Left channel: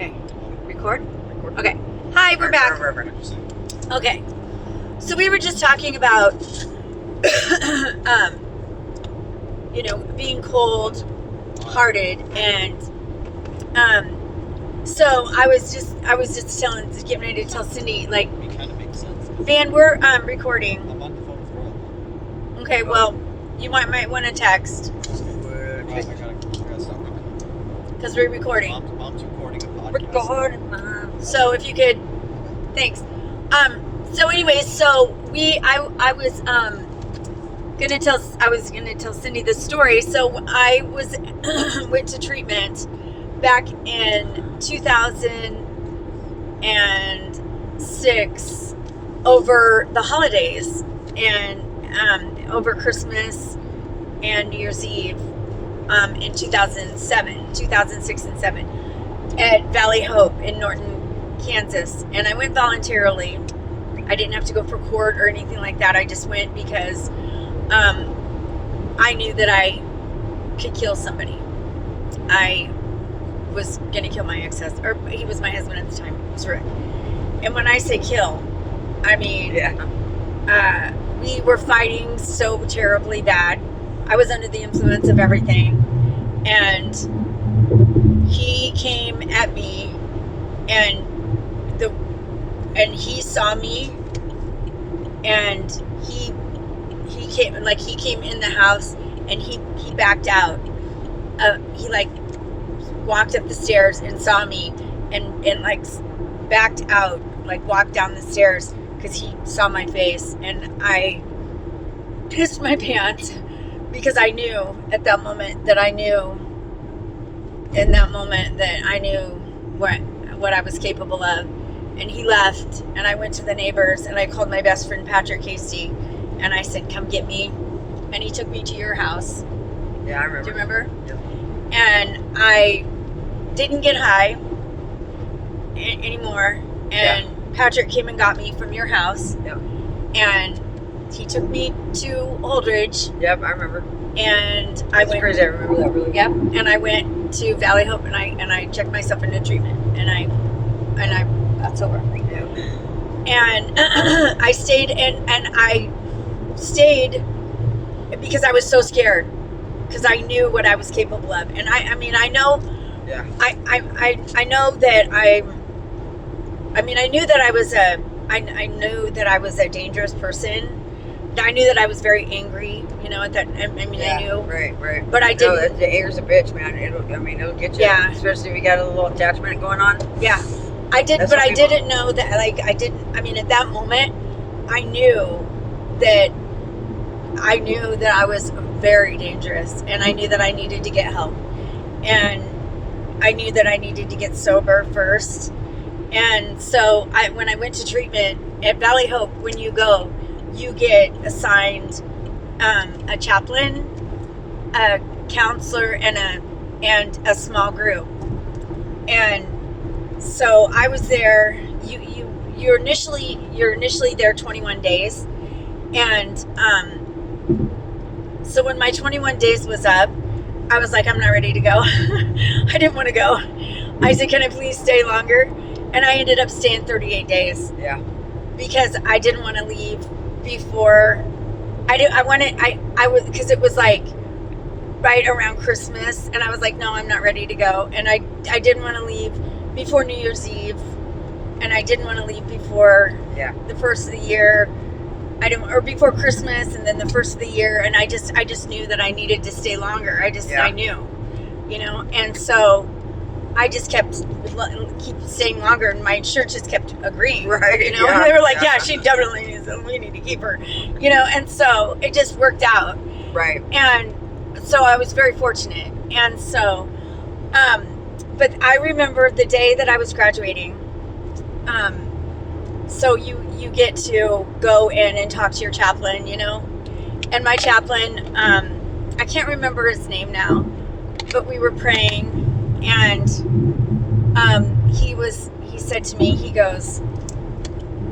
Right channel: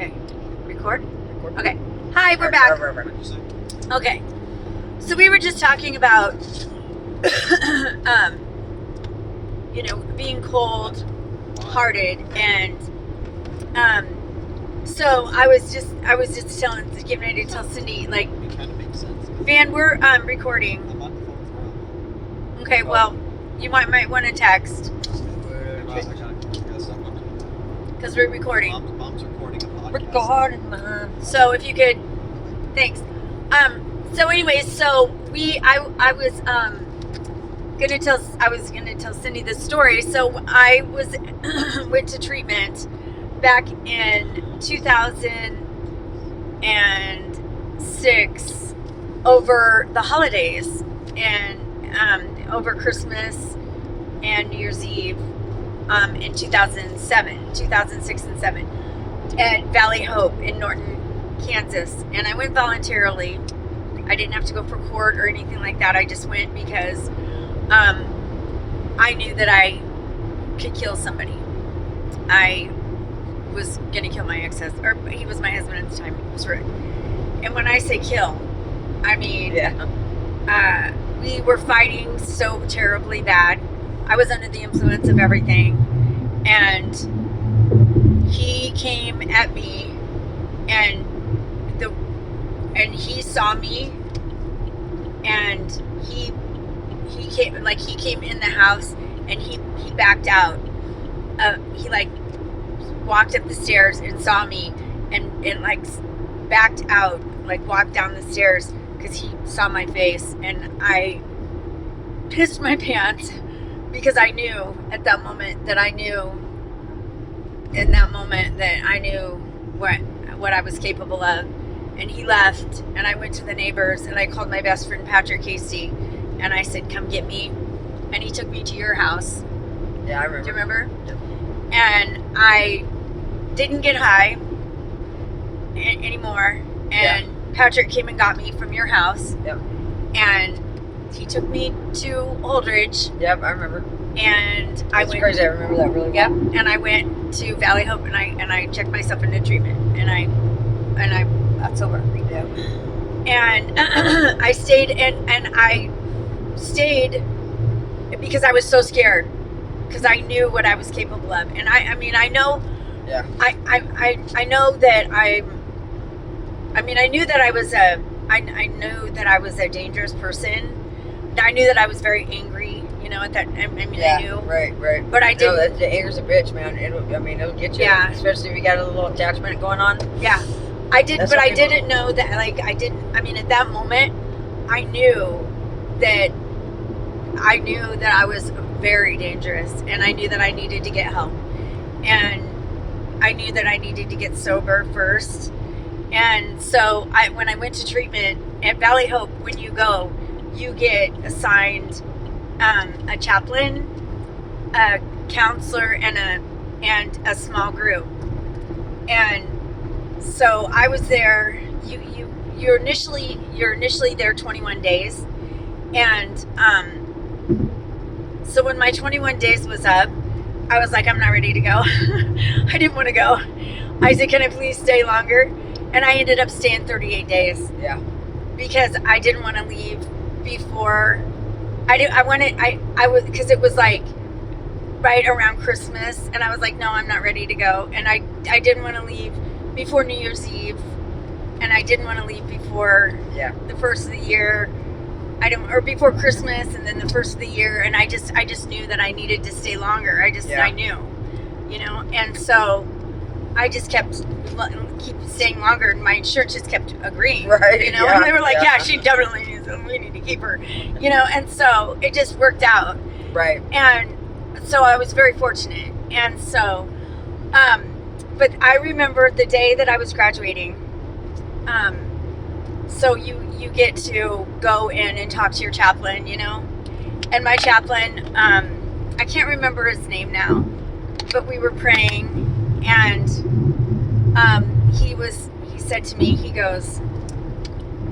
Okay. Record? Okay. Hi, we're back. Okay. So we were just talking about, being cold-hearted, and so I was just getting ready to tell Cindy, like, It kind of makes sense. Van, we're recording. I'm on the phone with Royal. Okay. Well, you might want to text I gotta stop. because we're recording. Mom's recording a podcast. Recording. So if you could, thanks. So anyways, so I was gonna tell Cindy the story. So I went to treatment back in 2006 over the holidays and over Christmas and New Year's Eve in 2006 and 7 at Valley Hope in Norton, Kansas. And I went voluntarily. I didn't have to go for court or anything like that. I just went because I knew that I could kill somebody. I was going to kill my ex-husband, or he was my husband at the time. It was Rick. And when I say kill, I mean, we were fighting so terribly bad. I was under the influence of everything. And he came at me, and he saw me, and he came in the house, and he backed out. He like walked up the stairs and saw me, and like backed out, like walked down the stairs because he saw my face, and I pissed my pants because I knew at that moment that I knew what I was capable of. And he left, and I went to the neighbors, and I called my best friend Patrick Hasty, and I said, "Come get me." And he took me to your house. Yeah, I remember. Do you remember? Yep. And I didn't get high anymore. And Patrick came and got me from your house. Yep. And he took me to Holdridge. Yep, I remember. And I went crazy. I remember that really. Yep. And I went to Valley Hope, and I checked myself into treatment, and I got sober. Yep. And I stayed, and I stayed because I was so scared, because I knew what I was capable of. And I know. Yeah. I know that I knew that I was a dangerous person. I knew that I was very angry, at that. I knew. Right. But I didn't. No, the anger's a bitch, man. It'll get you. Yeah. Especially if you got a little attachment going on. Yeah. I did, That's but what I people- didn't know that, at that moment, I knew that I was very dangerous, and I knew that I needed to get help, and I knew that I needed to get sober first. And so when I went to treatment at Valley Hope, when you go, you get assigned a chaplain, a counselor, and a small group. And so I was there. You're initially there 21 days, and so when my 21 days was up, I was like, I'm not ready to go. I didn't want to go. I said, can I please stay longer? And I ended up staying 38 days. Yeah. Because I didn't want to leave before because it was like right around Christmas, and I was like, no, I'm not ready to go. And I didn't want to leave before New Year's Eve, and I didn't want to leave before the first of the year. Or before Christmas, and then the first of the year, and I just knew that I needed to stay longer. I knew, and so I just keep staying longer, and my insurance just kept agreeing, Right, and yeah, they were like, yeah. yeah, she definitely needs it. We need to keep her, and so it just worked out. Right. And so I was very fortunate. And so, but I remember the day that I was graduating. So you get to go in and talk to your chaplain, and my chaplain, I can't remember his name now, but we were praying, and he said to me, he goes,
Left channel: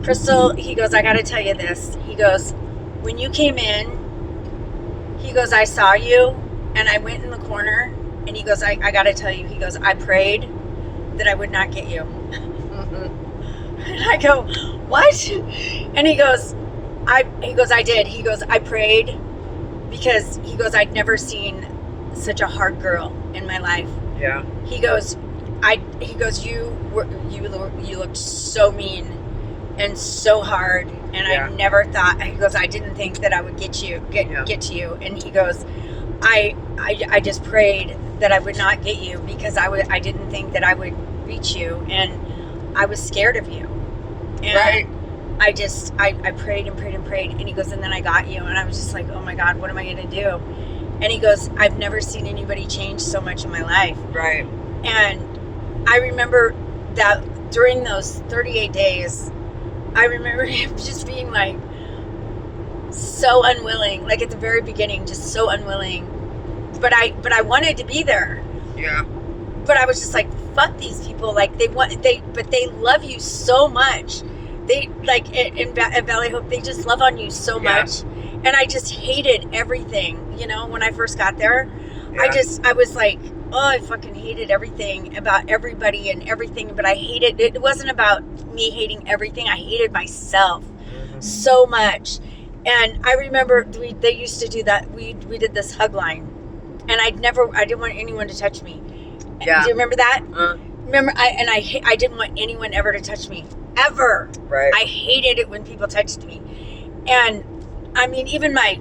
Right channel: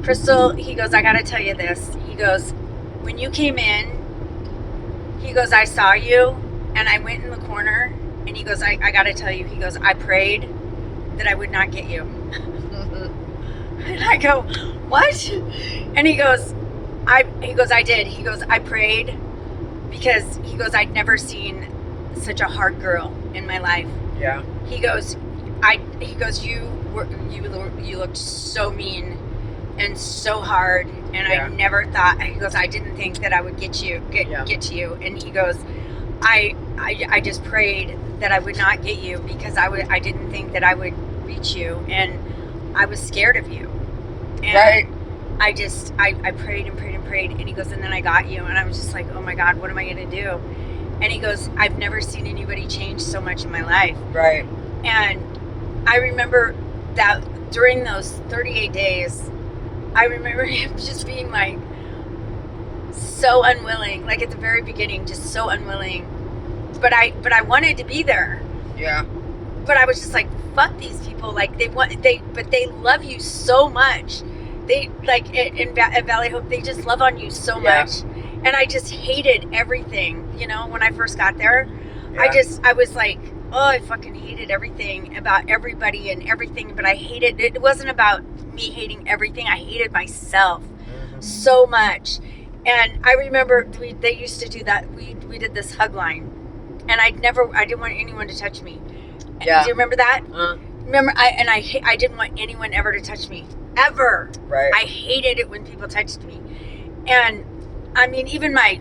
Crystal, he goes, I got to tell you this. He goes, when you came in, he goes, I saw you, and I went in the corner, and he goes, I got to tell you, he goes, I prayed that I would not get you. And I go, what? And he goes, I did. He goes, I prayed because he goes, I'd never seen such a hard girl in my life. Yeah. He goes, you looked so mean and so hard, and Yeah. I never thought. He goes, I didn't think that I would get to you. And he goes, I just prayed that I would not get you because I didn't think that I would reach you, and I was scared of you. And Right. I prayed and prayed and prayed, and he goes, and then I got you, and I was just like, oh my God, what am I going to do? And he goes, I've never seen anybody change so much in my life. Right. And I remember that during those 38 days, I remember him just being like so unwilling, like at the very beginning, just so unwilling. But I wanted to be there. Yeah. But I was just like, fuck these people. Like but they love you so much. They like at Valley Hope, they just love on you so Yeah. much. And I just hated everything, when I first got there. Yeah. I was like, oh, I fucking hated everything about everybody and everything, but I hated it. It wasn't about me hating everything. I hated myself so much. And I remember they used to do that. We did this hug line, and I didn't want anyone to touch me. Yeah. Do you remember that? Uh, Remember, I didn't want anyone ever to touch me, ever. right. I hated it when people touched me. And I mean, even my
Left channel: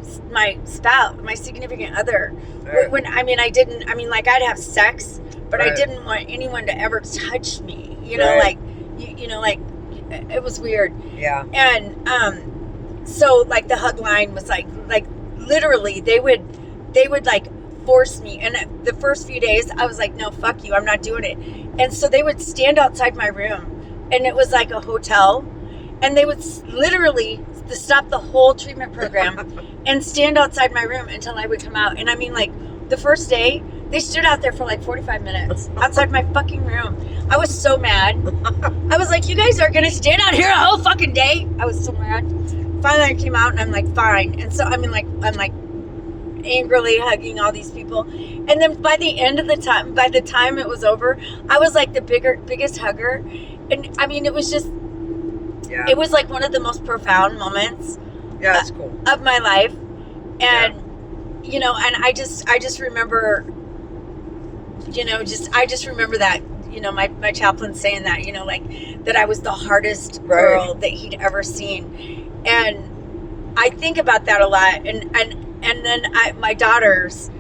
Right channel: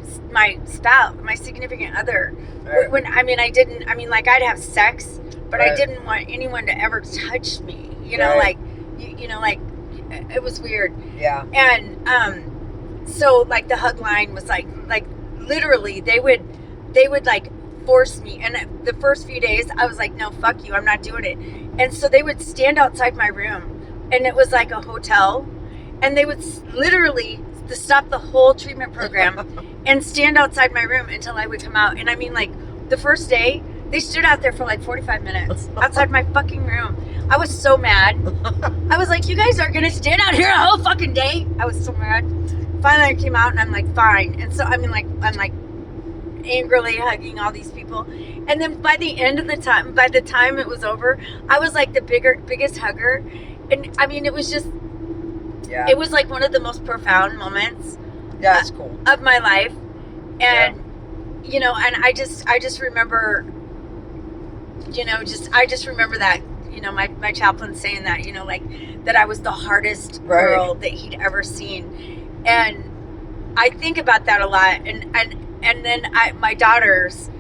spouse, my significant other, Right. when I'd have sex, but I Right. didn't want anyone to ever touch me. Right. Like it was weird. Yeah. And so like the hug line was like literally they would like force me. And the first few days I was like, no, fuck you, I'm not doing it. And so they would stand outside my room, and it was like a hotel, and they would literally stop the whole treatment program and stand outside my room until I would come out. And I mean, like the first day they stood out there for like 45 minutes outside my fucking room. I was so mad. I was like, you guys are gonna stand out here a whole fucking day? I was so mad. Finally I came out, and I'm like, fine. And so I'm like angrily hugging all these people. And then by the time it was over, I was like the biggest hugger. And I mean, it was just, Yeah. it was like one of the most profound moments Yeah, that's cool. of my life. And and I just remember, I just remember that, my chaplain saying that, like that I was the hardest girl that he'd ever seen. And I think about that a lot. And then my daughters,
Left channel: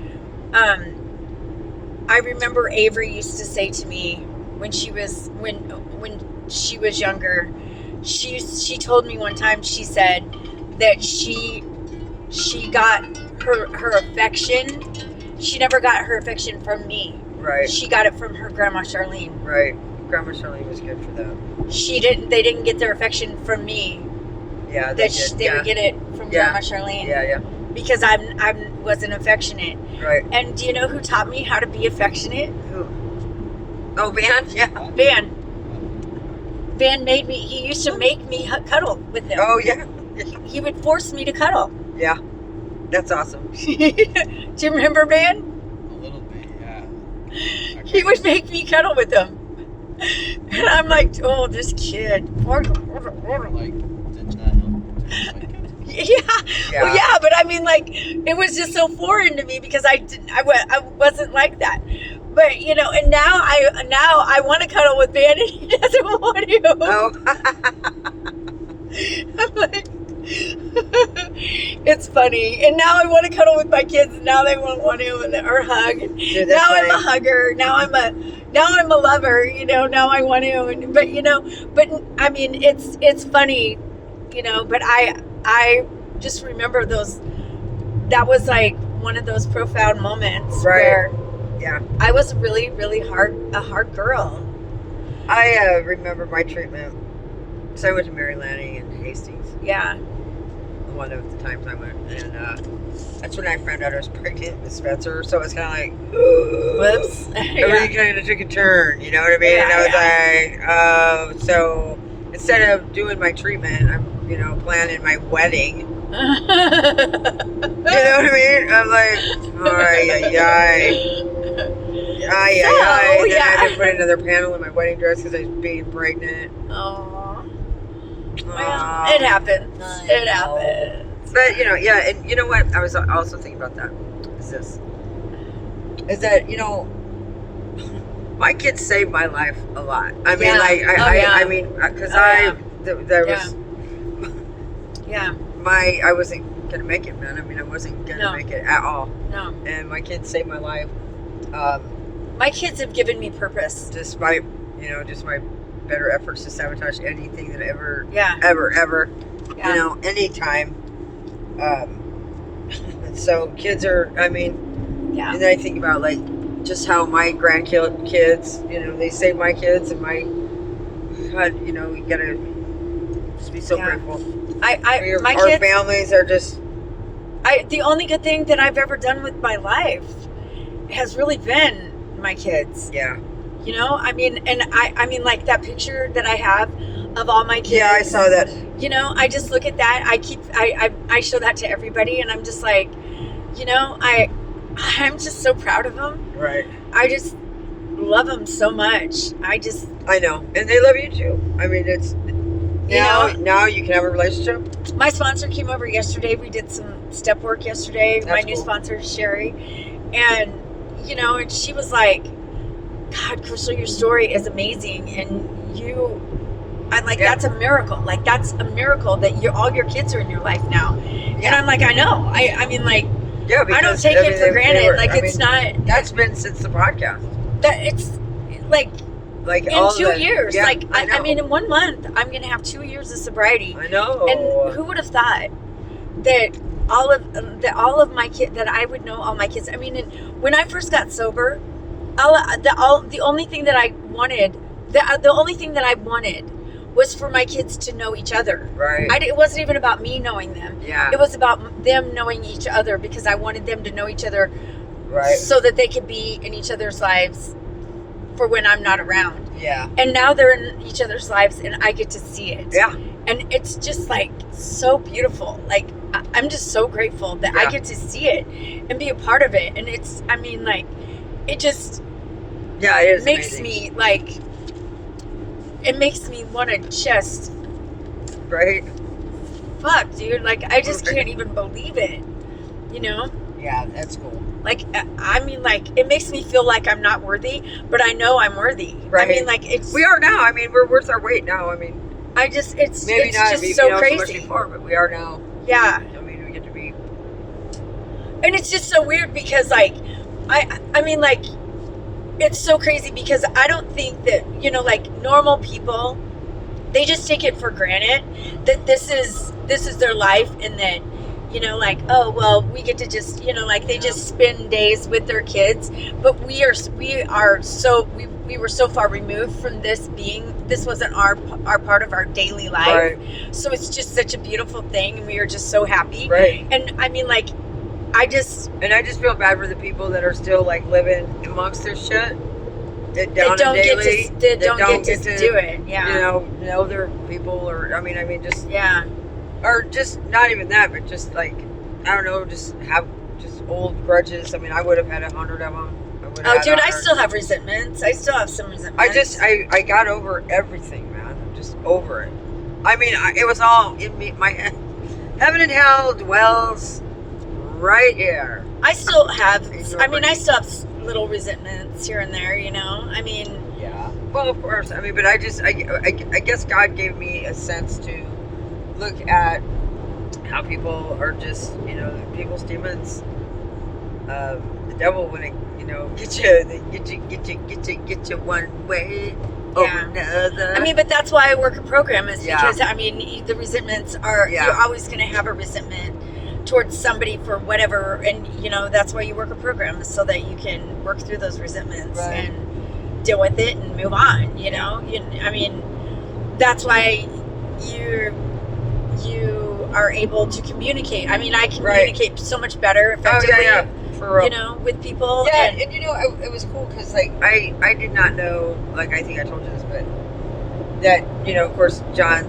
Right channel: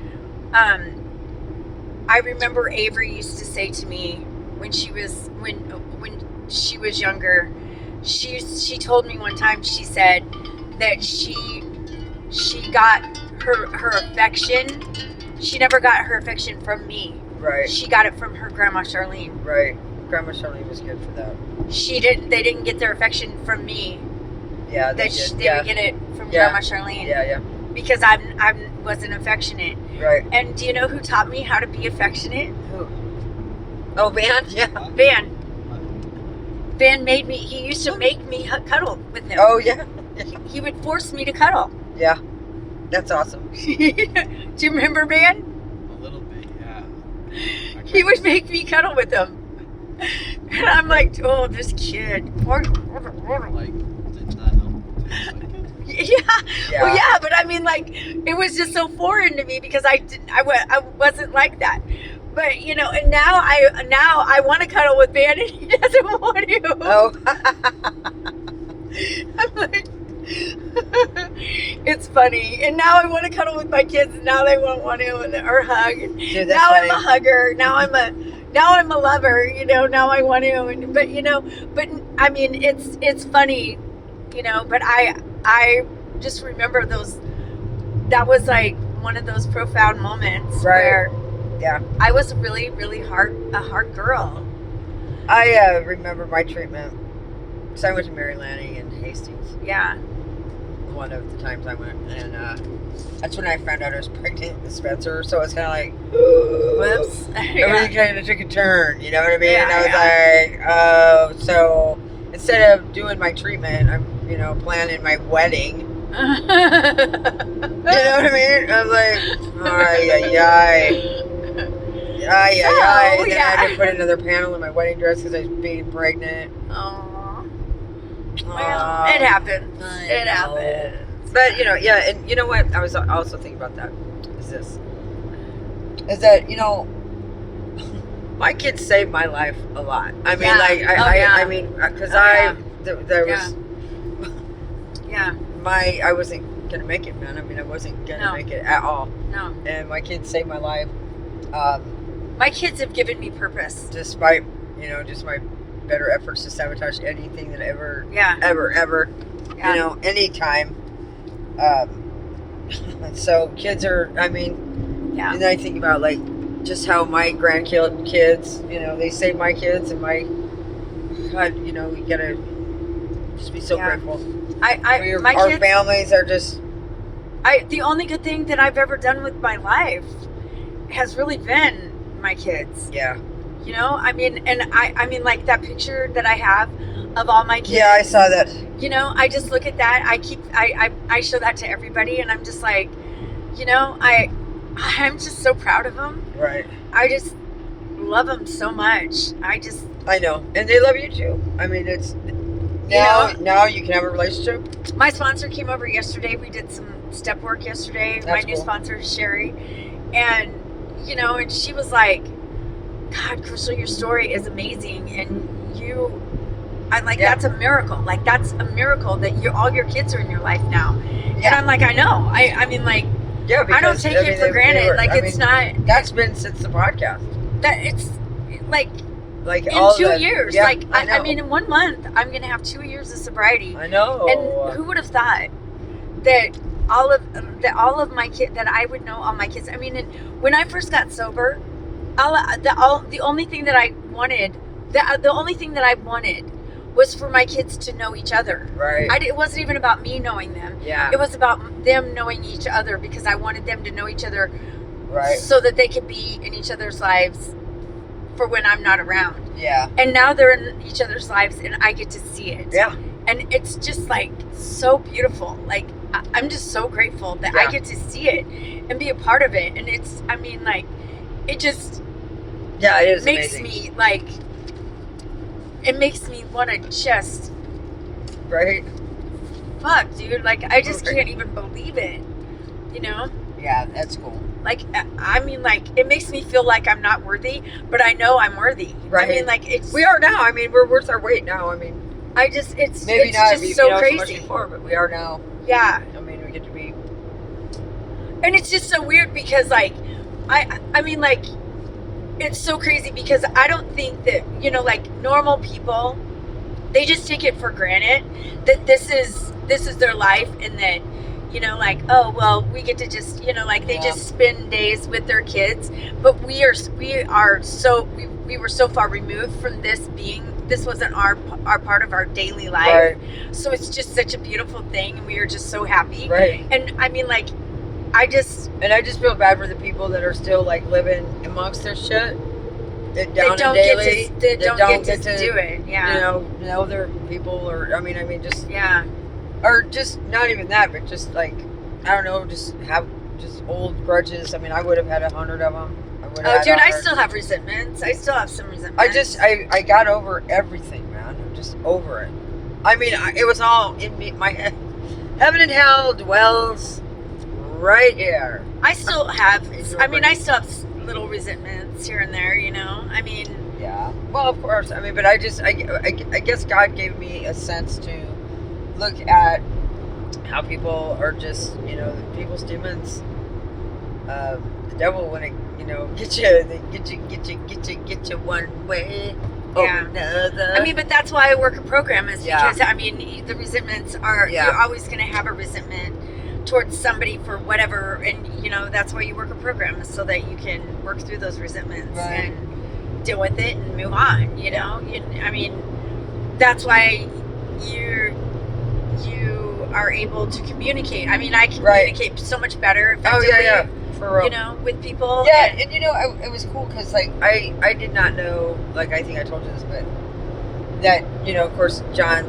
I remember Avery used to say to me when she was younger, she told me one time, she said that she got her affection. She never got her affection from me. Right. She got it from her grandma Charlene. Right. Grandma Charlene was good for that. They didn't get their affection from me. Yeah. They would get it from Grandma Charlene. Yeah, yeah. Because I wasn't affectionate. Right. And do you know who taught me how to be affectionate? Who? Oh, Van? Yeah. Van made me, he used to make me cuddle with him. Oh, yeah. He would force me to cuddle. Yeah. That's awesome. Do you remember Van? A little bit, yeah. He would make me cuddle with him. And I'm like, oh, this kid. Like, did not help. Yeah. Well, yeah, but I mean, like, it was just so foreign to me because I wasn't like that. But and now I want to cuddle with Van, and he doesn't want to. Oh. I'm like, it's funny. And now I want to cuddle with my kids, and now they won't want to or hug. Dude, Now funny. I'm a hugger. Now I'm a lover. Now I want to. But I mean, it's funny, But I just remember those. That was like one of those profound moments where Yeah. I was really, really a hard girl. I remember my treatment. So I was in Mary Lanning and Hastings. Yeah. One of the times I went, and that's when I found out I was pregnant with Spencer. So it's kind of like, Whoops. everything kind of took a turn. You know what I mean? Yeah, and I was like, so instead of doing my treatment, I'm planning my wedding. You know what I mean? I'm like, ay. Ay, So, ay, ay. Then I yeah. had to put another panel in my wedding dress because I was being pregnant. Oh, well, Aw. it happens. I It know. happens. But, yeah, and you know what? I was also thinking about that. Is that, my kids saved my life a lot. I mean, Yeah. like, Oh, yeah. I mean, because Oh, yeah. there Yeah. was Yeah. I wasn't gonna make it, man. I mean, I wasn't gonna No. make it at all, No. and my kids saved my life. My kids have given me purpose. Despite just my better efforts to sabotage anything that ever, Yeah. ever, Yeah. anytime. So kids are. I mean, Yeah. and then I think about like just how my grandkids, they saved my kids, and my God, you gotta just be so Yeah. grateful. My Our kids. families are just. The only good thing that I've ever done with my life has really been my kids. Yeah. I mean, and I mean, like that picture that I have of all my kids. Yeah, I saw that. I just look at that. I show that to everybody, and I'm just like, I'm just so proud of them. Right. I just love them so much. I know, and they love you too. I mean, it's now you can have a relationship. My sponsor came over yesterday. We did some step work yesterday. That's my new cool. sponsor, Sherry, and and she was like, "God, Crystal, your story is amazing, and that's a miracle. Like that's a miracle that all your kids are in your life now." Yeah. And I'm like, I know. I mean, like, Yeah, I don't take it for granted. It's not That's been since the podcast. that it's like Like in all 2 the- years. Yeah, Like I know. mean, in 1 month, I'm gonna have 2 years of sobriety. I know. And who would have thought that all of my kids, that I would know all my kids? I mean, when I first got sober, the only thing that I wanted, the only thing that I wanted was for my kids to know each other. Right. It wasn't even about me knowing them. Yeah. It was about them knowing each other, because I wanted them to know each other Right. so that they could be in each other's lives for when I'm not around. Yeah. And now they're in each other's lives, and I get to see it. Yeah. And it's just like so beautiful. Like I'm just so grateful that I Yeah. get to see it and be a part of it. And it just Yeah. It is makes amazing. me like, it makes me want to just, Right. fuck, dude. Like I just can't even believe it. Yeah. That's cool. Like I mean, like it makes me feel like I'm not worthy, but I know I'm worthy. I Right. mean, like We are now. I mean, we're worth our weight now. I mean, it's maybe it's not. just maybe so not crazy. So much before, but we are now. Yeah. I mean, we get to be. And it's just so weird because like I mean, like it's so crazy because I don't think that like normal people, they just take it for granted that this is their life, and that like, oh well, we get to just like they Yeah. just spend days with their kids, but we were so far removed from this wasn't our part of our daily life. Right. So it's just such a beautiful thing, and we are just so happy. Right. And I mean, like I just feel bad for the people that are still like living amongst their shit. They don't get to do it. Yeah. Know their people, or I mean, just Yeah. or just not even that, but just like I don't know, just have just old grudges. I mean, I would have had 100 of them. Oh, dude, I still have resentments. I still have some resentments. I got over everything, man. I'm just over it. I mean, it was all in me, my head. Heaven and hell dwells right here. I still have. In I mean, your I still have little resentments here and there. I mean, Yeah. Well, of course. I mean, but I guess God gave me a sense to look at how people are just, people's demons. The devil, when it, get you one way or Yeah. another. I mean, but that's why I work a program, is Yeah. because I mean, the resentments are Yeah. you're always going to have a resentment towards somebody for whatever, and that's why you work a program, is so that you can work through those resentments Right. and deal with it and move on. I mean, that's why you are able to communicate. I mean, I communicate so much better Oh, effectively. yeah. For real. With people. Yeah, and- and it was cool because like I did not know, like I think I told you this, but that of course John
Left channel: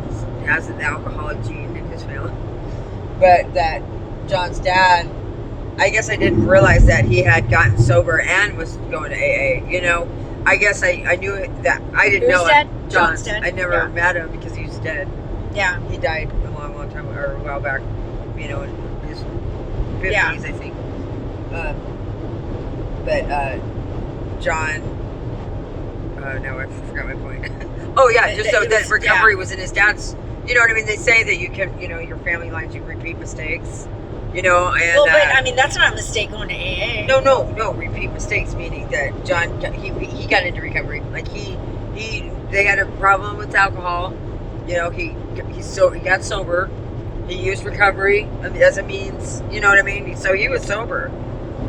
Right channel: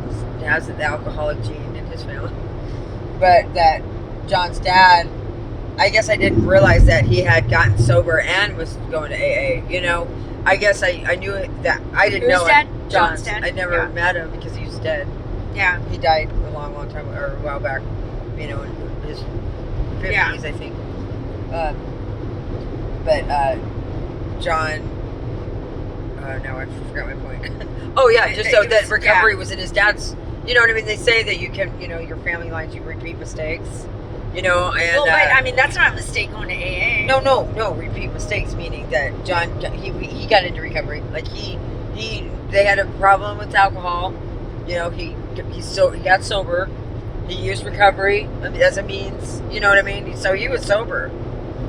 has the alcoholic gene in his family, but that John's dad I guess I didn't realize that he had gotten sober and was going to AA. You know, I guess I knew that I didn't Who's know dead? it. John's dead? I never Yeah. met him because he was dead. Yeah. He died a long time or a while back. You know, in his 50s, Yeah. I think. But John. Oh no, I forgot my point. Oh yeah, just so that recovery was in his dad's. You know what I mean? They say that you can, you know, your family lines, you repeat mistakes. You know, and Well, but I mean, that's not a mistake going to AA. no, repeat mistakes meaning that John he got into recovery. Like they had a problem with alcohol. You know, he got sober. He used recovery as a means. You know what I mean? So he was sober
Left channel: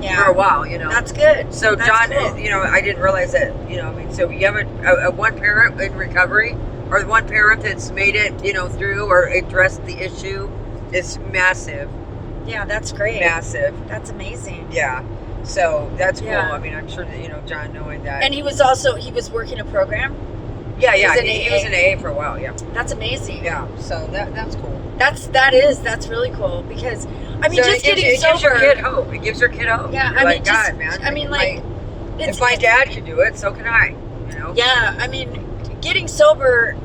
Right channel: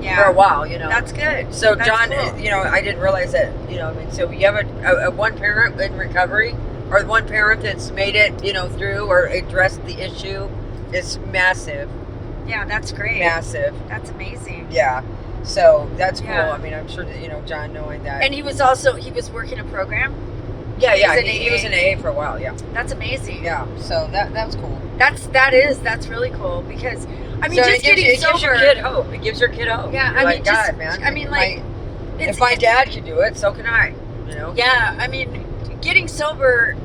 Yeah. for a while. You know, That's good. so That's John, cool. you know, I didn't realize that. You know, I mean, so you have a one parent in recovery, or one parent that's made it, you know, through or addressed the issue, is massive, Yeah, that's great. massive. That's amazing. Yeah. So that's cool. Yeah. I mean, I'm sure that, you know, John knowing that. And he was working a program. yeah, he was in he was in AA for a while. Yeah. That's amazing. Yeah. So that's cool. That's really cool because I mean, So just getting it gives sober. your kid hope. It gives your kid hope. Yeah, You're I mean, like, just- God, man. I mean, like, if my dad can do it, so can I. You know. Yeah, I mean, getting sober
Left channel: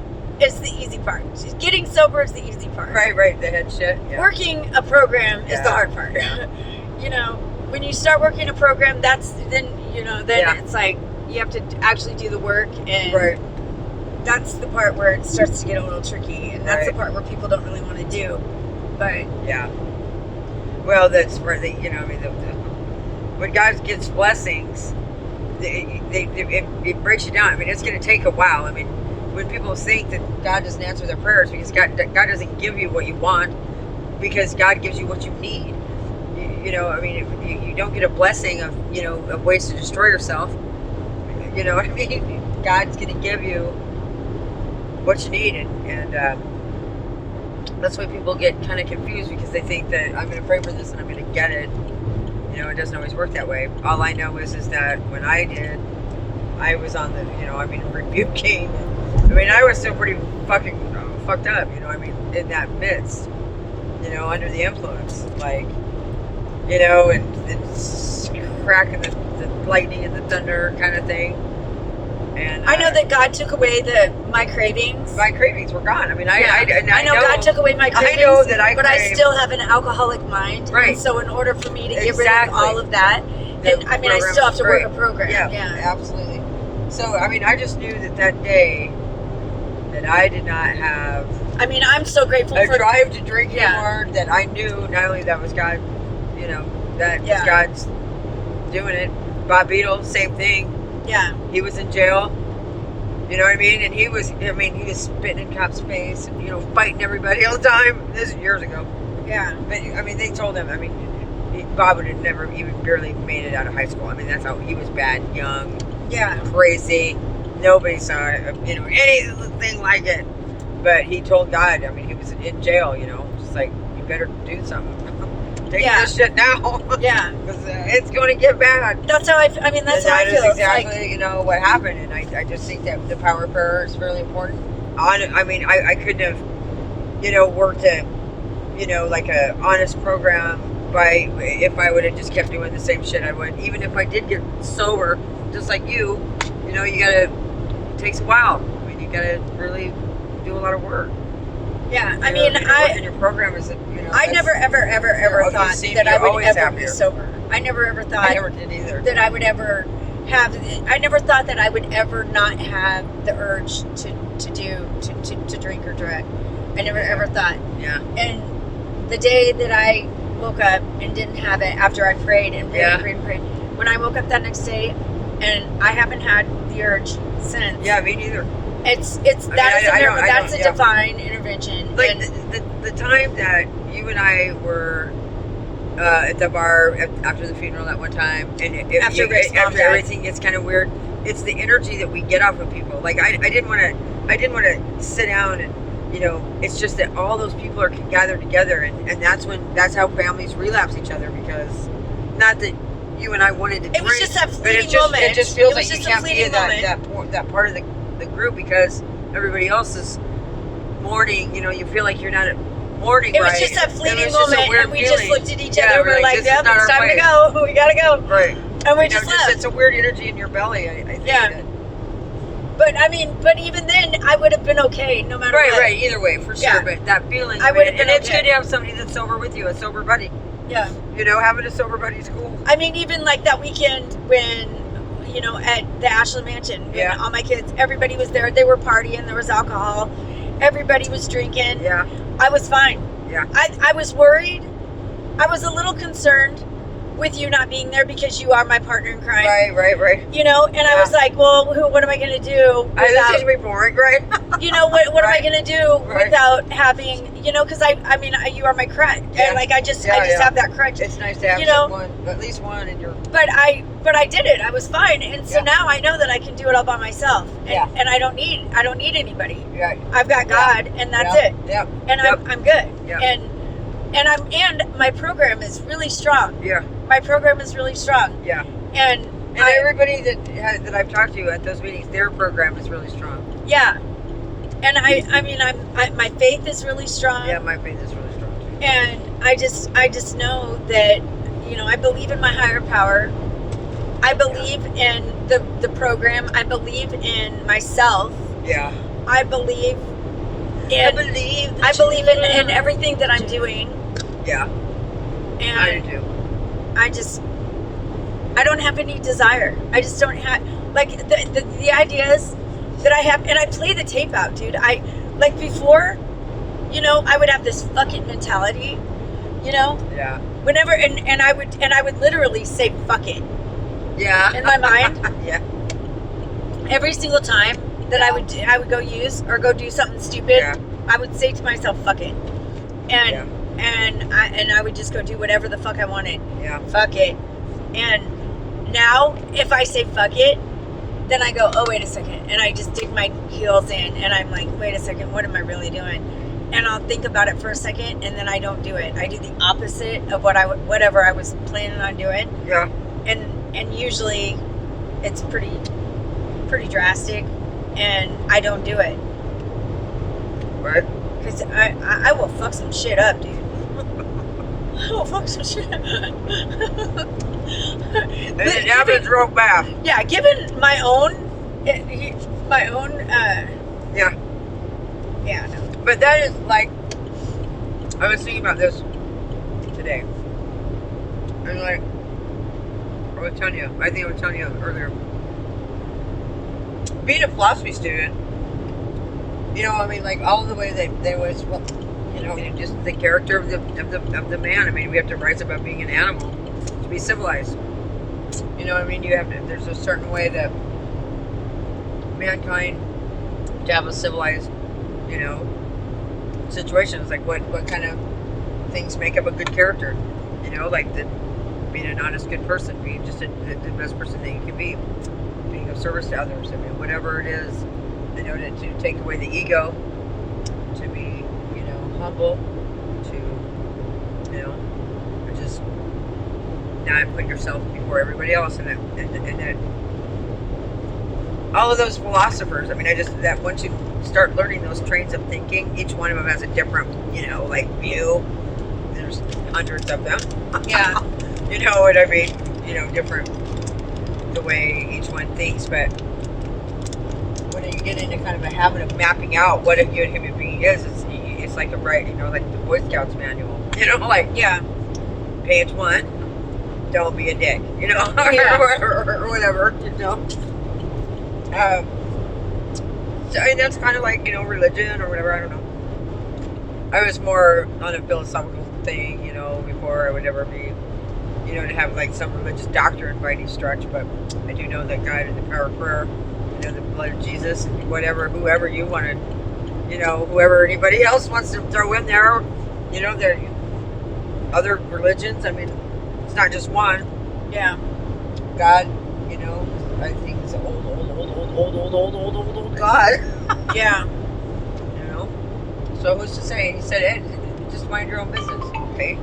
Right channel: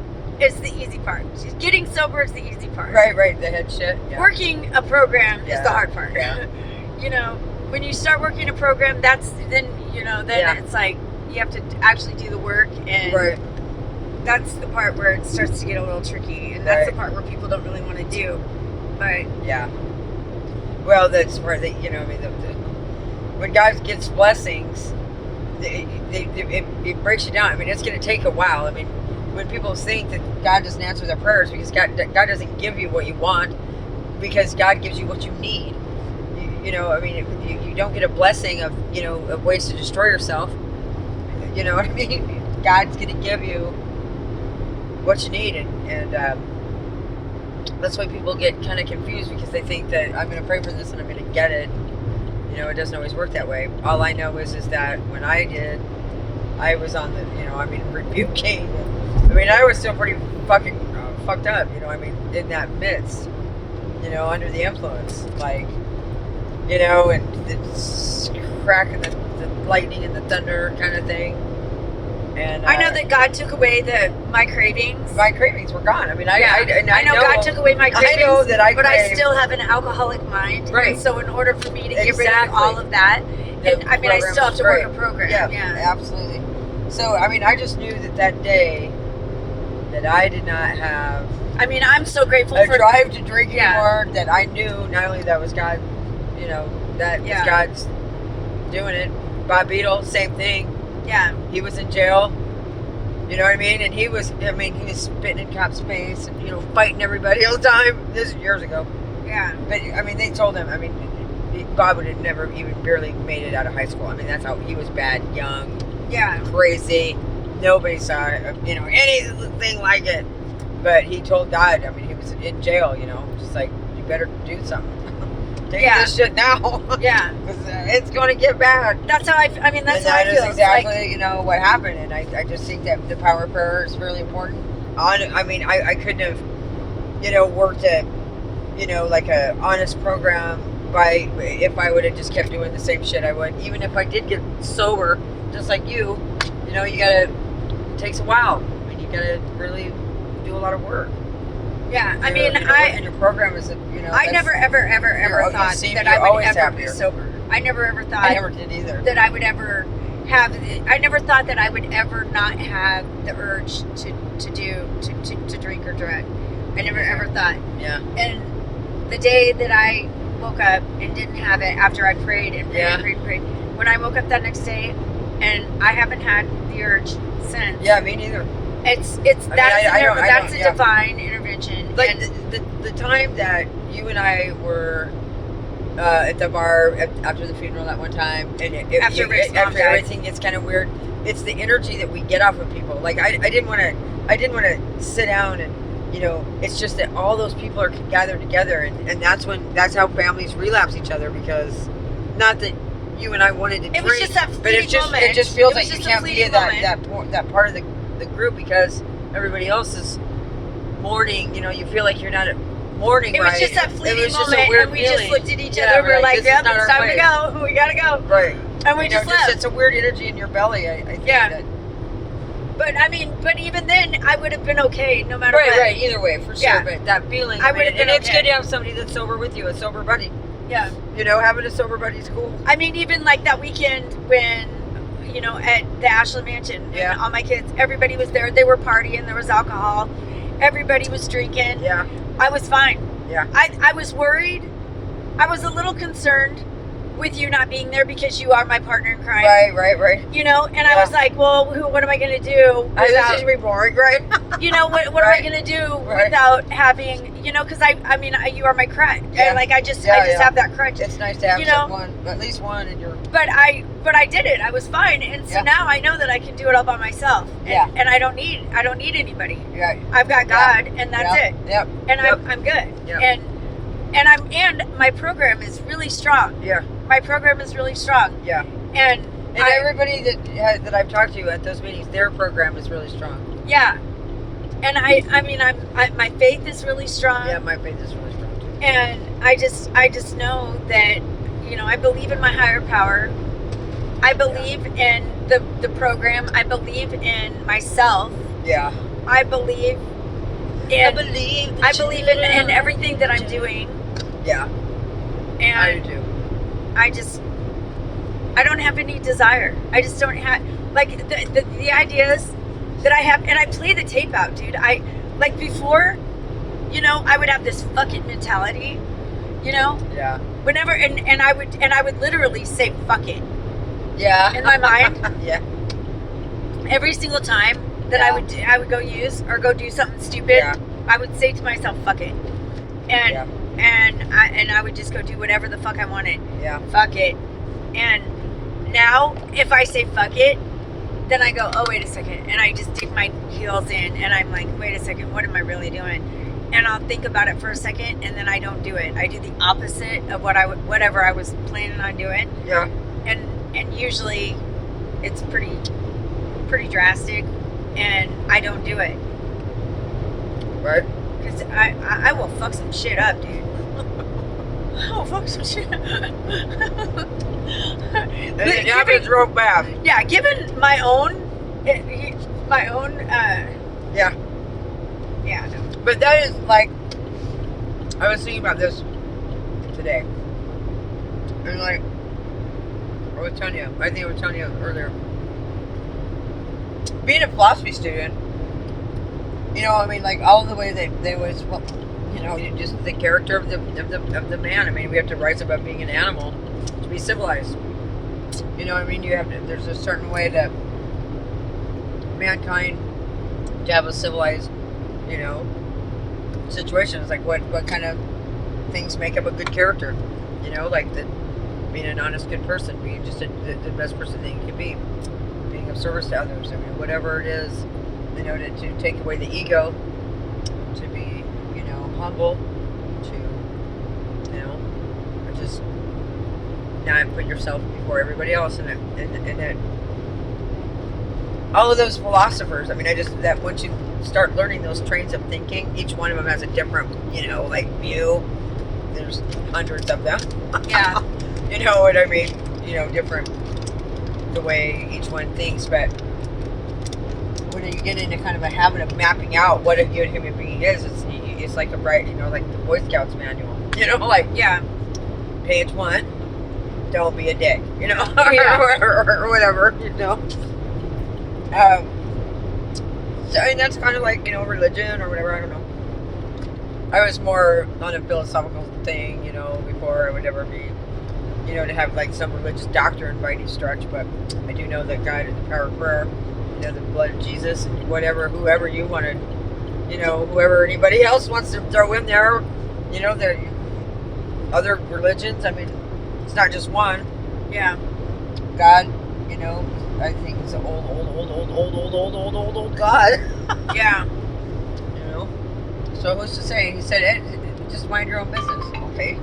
is the easy part. Getting sober is the easy part. Right. The head shit. Yeah. Working a program is Yeah. the hard part. Yeah. You know, when you start working a program, then Yeah. it's like you have to actually do the work, and Right. that's the part where it starts to get a little tricky, and that's the Right. part where people don't really want to do. But Yeah. Well, that's where you know, I mean, when God gets blessings, it breaks you down. I mean, it's going to take a while. I mean, when people think that God doesn't answer their prayers because God doesn't give you what you want, because God gives you what you need. You know, I mean, you don't get a blessing of, you know, of ways to destroy yourself. You know what I mean? God's going to give you what you need, and that's why people get kind of confused, because they think that I'm going to pray for this and I'm going to get it. You know, it doesn't always work that way. All I know is that when I did, I was on the, you know, I mean, rebuking. I mean, I was still pretty fucking fucked up, you know, I mean, in that midst, you know, under the influence, like, you know, and it's cracking the lightning and the thunder kind of thing. And I know that God took away my cravings. my cravings were gone. I mean, I know God took away my cravings. I know that but I crave- still have an alcoholic mind. Right. And so in order for me to get rid of Exactly. all of that, then I mean, I still have to work a program. Yeah, absolutely. So, I mean, I just knew that day that I did not have I mean, I'm so grateful a for drive to drink Yeah. anymore, that I knew not only that was God, you know, that was Yeah. God's doing it. Bob Beadle, same thing. Yeah. He was in jail. You know what I mean? And he was spitting in cops' face and, you know, fighting everybody all the time. This is years ago. Yeah. But, I mean, they told him, I mean, Bob would have never even barely made it out of high school. I mean, that's how he was bad, young, Yeah. crazy. Nobody saw, you know, anything like it. But he told God, I mean, he was in jail, you know, just like, you better do something. Take Yeah. this shit now. Yeah. Because it's going to get bad. That's how I mean, that's And how I that feel. is It's like, exactly, you know, what happened. And I just think that the power of prayer is really important. I mean, I couldn't have, you know, worked at, you know, like a honest program if I would have just kept doing the same shit I would. Even if I did get sober, just like you know, you gotta, it takes a while. I mean, you gotta really do a lot of work. yeah. I You mean, know, and your program is, you know. I that's- never, ever you thought seem that you're I would always ever happier. be sober. I never ever thought I never did either. that I would ever have. I never thought that I would ever not have the urge to drink or drug. I never ever thought. Yeah. And the day that I woke up and didn't have it, after I prayed and prayed Yeah. and prayed and prayed, when I woke up that next day, and I haven't had the urge since. Yeah, me neither. It's I mean, that's a yeah. divine intervention. Like And the time that you and I were at the bar after the funeral that one time, and After Rick's mom after died. everything gets kind of weird, it's the energy that we get off of people. Like I didn't want to sit down and, you know, it's just that all those people are gathered together, and that's how families relapse each other, because not that you and I wanted to it was drink, just that but fleeting it just moment. it just feels It was like you just a can't be fleeting moment. that part of the group, because everybody else is mourning. You know, you feel like you're not morning. It was right? just that It fleeting was just a moment, weird and we feeling. just looked at each Yeah, other. We were like, this is "Yep, not it's our time to place. go. We gotta go." Right. And we You know, just left. it's a weird energy in your belly. I think. Yeah. that- But I mean, but even then, I would have been okay no matter Right, what. right. Either way, for sure. Yeah. But that feeling, I would have and been it's okay. good to have somebody that's sober with you, a sober buddy. Yeah. You know, having a sober buddy's cool. I mean, even like that weekend when, at the Ashland Mansion, and Yeah. all my kids, everybody was there. They were partying. There was alcohol. Everybody was drinking. Yeah. I was fine. Yeah. I was worried. I was a little concerned with you not being there because you are my partner in crime. Right. And I Yeah. was like, well, what am I going to do This is without, gonna be boring, right? what am I Right. going to do Right. without having, because I mean, you are my crutch. Yeah. I just Yeah, yeah. have that crutch. It's nice to have You know? someone, at least one in your. But I did it. I was fine. And so Yeah. now I know that I can do it all by myself. And, Yeah. and I don't need anybody. Yeah. I've got Yeah. God, and that's Yeah. it. Yep. And Yep. I'm good. Yeah. And my program is really strong. Yeah. My program is really strong. Yeah. And And everybody that I've talked to at those meetings, their program is really strong. yeah. And I mean, my faith is really strong. Yeah, my faith is really strong too. And I just know that, I believe in my higher power. I believe in the program. I believe in myself. Yeah. I believe in in everything that I'm doing. Yeah, And I do too. I don't have any desire. I just don't have, like, the ideas that I have, and I play the tape out, dude. Like, before, I would have this fuck it mentality, Yeah. whenever, and I would literally say fuck it Yeah. in my mind Yeah. every single time that Yeah. I would go use or go do something stupid. Yeah. I would say to myself, fuck it. And Yeah. and I would just go do whatever the fuck I wanted. Yeah. Fuck it. And now if I say fuck it, then I go, oh, wait a second. And I just dig my heels in and I'm like, wait a second, what am I really doing? And I'll think about it for a second and then I don't do it. I do the opposite of whatever I was planning on doing. Yeah. And usually it's pretty drastic and I don't do it. Right. Because I will fuck some shit up, dude. I will fuck some shit up. And it happens real fast. Yeah, given my own, Yeah. yeah, no. But that is like, I was thinking about this today. And like, I was telling you earlier. Being a philosophy student, I mean, like all the way they was, well, just the character of the man. I mean, we have to rise above being an animal to be civilized. You know what I mean? There's a certain way that mankind to have a civilized, situations. Like what kind of things make up a good character? Like being an honest, good person, being just the best person that you can be, being of service to others. I mean, whatever it is, to take away the ego, to be, humble, to, just not put yourself before everybody else, and that all of those philosophers. I mean, that once you start learning those trains of thinking, each one of them has a different, view. There's hundreds of them. Yeah. You know what I mean? Different the way each one thinks, but when you get into kind of a habit of mapping out what a good human being is, it's like like the Boy Scouts manual. Like Yeah. page 1, don't be a dick. Yeah. or whatever. So I mean, that's kind of like religion or whatever. I don't know. I was more on a philosophical thing, before I would ever be, to have like some religious doctrine by any stretch. But I do know that God and the power of prayer, the blood of Jesus, whoever you wanted, whoever anybody else wants to throw in there, there other religions. I mean, it's not just one. Yeah. God, I think it's an old God. Yeah. So who's to say? He said, Ed, just mind your own business, okay?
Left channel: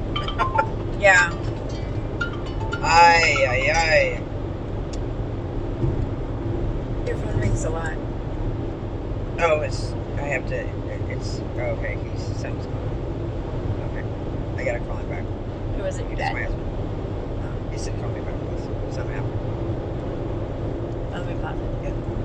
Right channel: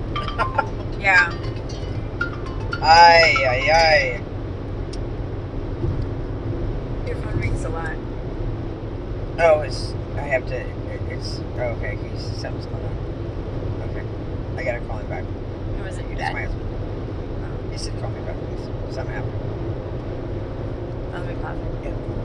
Yeah. Aye. Your phone rings a lot. Oh, okay, something's going on. I gotta call him back. Who was it? Your That's my dad? husband. He said call me back, please. Something happened. Let me pause. Yeah.